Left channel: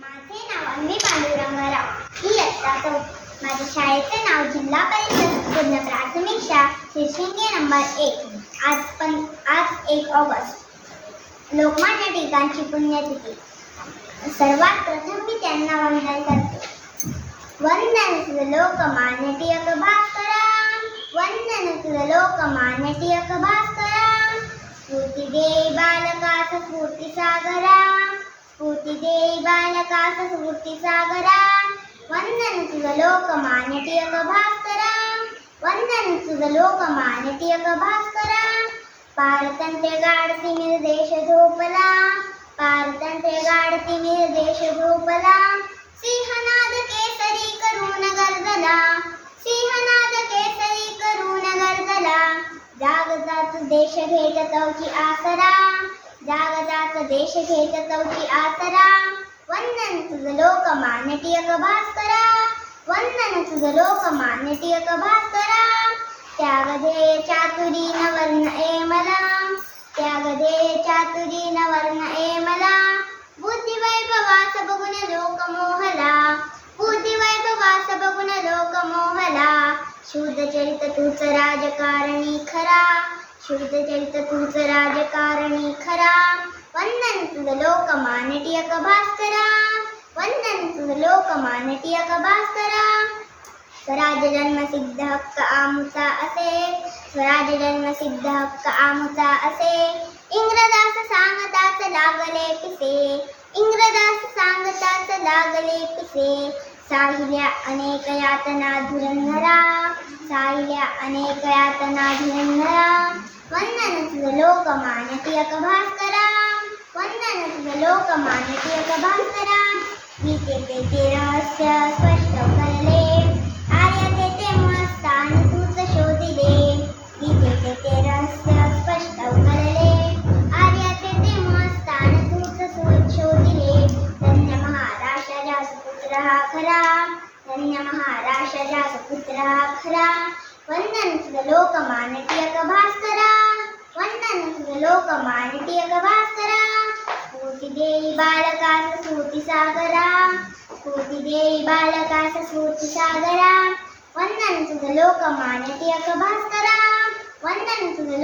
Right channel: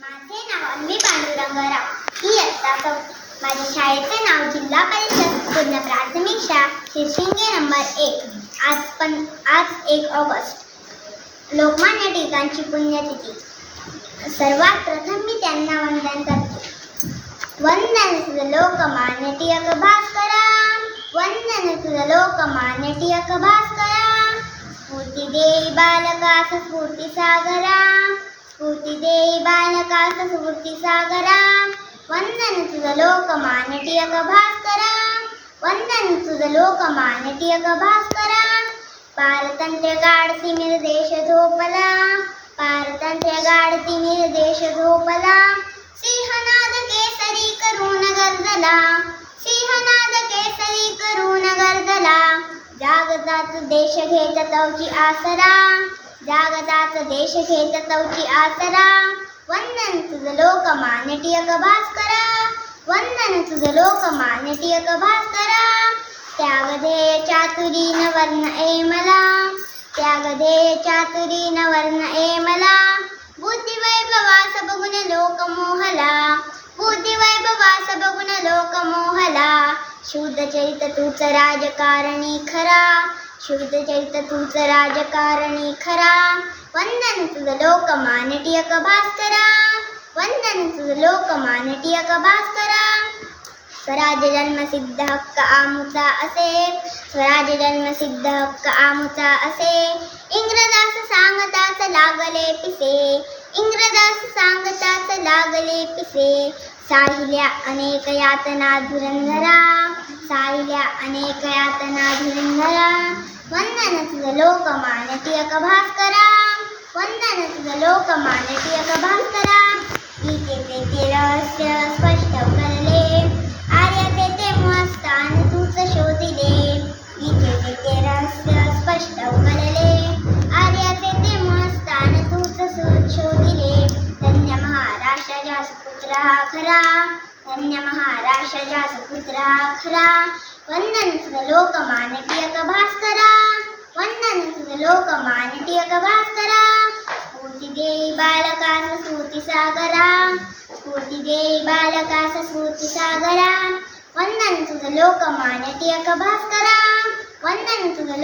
माझे नाव अन्वी पांडुरंगराव ही इयत्ता चौथी माझ्या शाळेचे नाव जिल्हा परिषद पूर्ण प्राथमिक शाळा शिरशिंगे नंबर एक. आज पण आज एक ऑगस्ट. लोकमान्य टिळकांची पुण्यतिथी. सर्वात प्रथम मी त्यांना वंदन करते. वंदन तुझ लोकमान्य टिळक भास्करा वंदन तुझं लोकमान्य टिळक भास्करा स्फूर्ती देई बालकास स्फूर्ती सागरा स्फूर्ती देई बालकास स्फूर्ती सागरा वंदन तुझ लोकमान्य टिळक भास्करा वंदन तुझ लोकमान्य टिळक भास्करा पारतंत्र्य गाडती निर्देश झोपला पारतंत्र्य गाडती निर्देश झोपला सिंहनाद केसरी करून गर्दला सिंहनाद केसरी करून गर्दला जागताच देश घेत तवची आसरा जागताच देश घेत तवची आसरा वंदन तुझ लोक टिळक भास्करा वंदन तुझ लोक टिळक भास्करा त्यागधेय चातुरी न वर्ण ए मला त्यागधेय चातुरी न वर्ण ए मला बुद्धी बघून लोक मोहला बुद्धी वैभवास बघून लोक मोहला शुद्ध चरित तूच राजकारणी खरा शुद्ध चरित तूच राजकारणी खरा वंदन तुझ लोकमान्य टिळक भास्करा वंदन तुझ लोकमान्य टिळक भास्करा स्वराज्य जन्म हक्क आमुचा असे स्वराज जन्मसिद्ध हक्क आमुचा असे। इंग्रदास सांगताच लागले पिसे इंग्रदास सांगताच लागले पिसे साहिल्या अनेक यातना धुरंधरा साहिल्या अनेक यातना धुरंधरा वंदन तुझं लोकमान्य टिळक भास्करा वंदन तुझं लोकमान्य टिळक भास्करा गीतेचे ते रहस्य स्पष्ट करले। आर्य ते ते मस्तान तूच शोधिले। गीतेचे ते रहस्य स्पष्ट करले। आर्य ते ते मस्तान तूच शो- शोधिले। धन्य महाराष्ट्राचा सुपुत्र हा खरा। धन्य महाराष्ट्राचा सुपुत्र हा खरा। वंदन तुझ लोकमान्य टिळक भास्करा वंदन तुझ लोकमान्य टिळक भास्करा स्फूर्ती देई बालकास स्फूर्ती सागरा स्फूर्ती देई बालकास स्फूर्ती सागरा वंदन तुझ लोकमान्य टिळक भास्करा। वंदन तुझ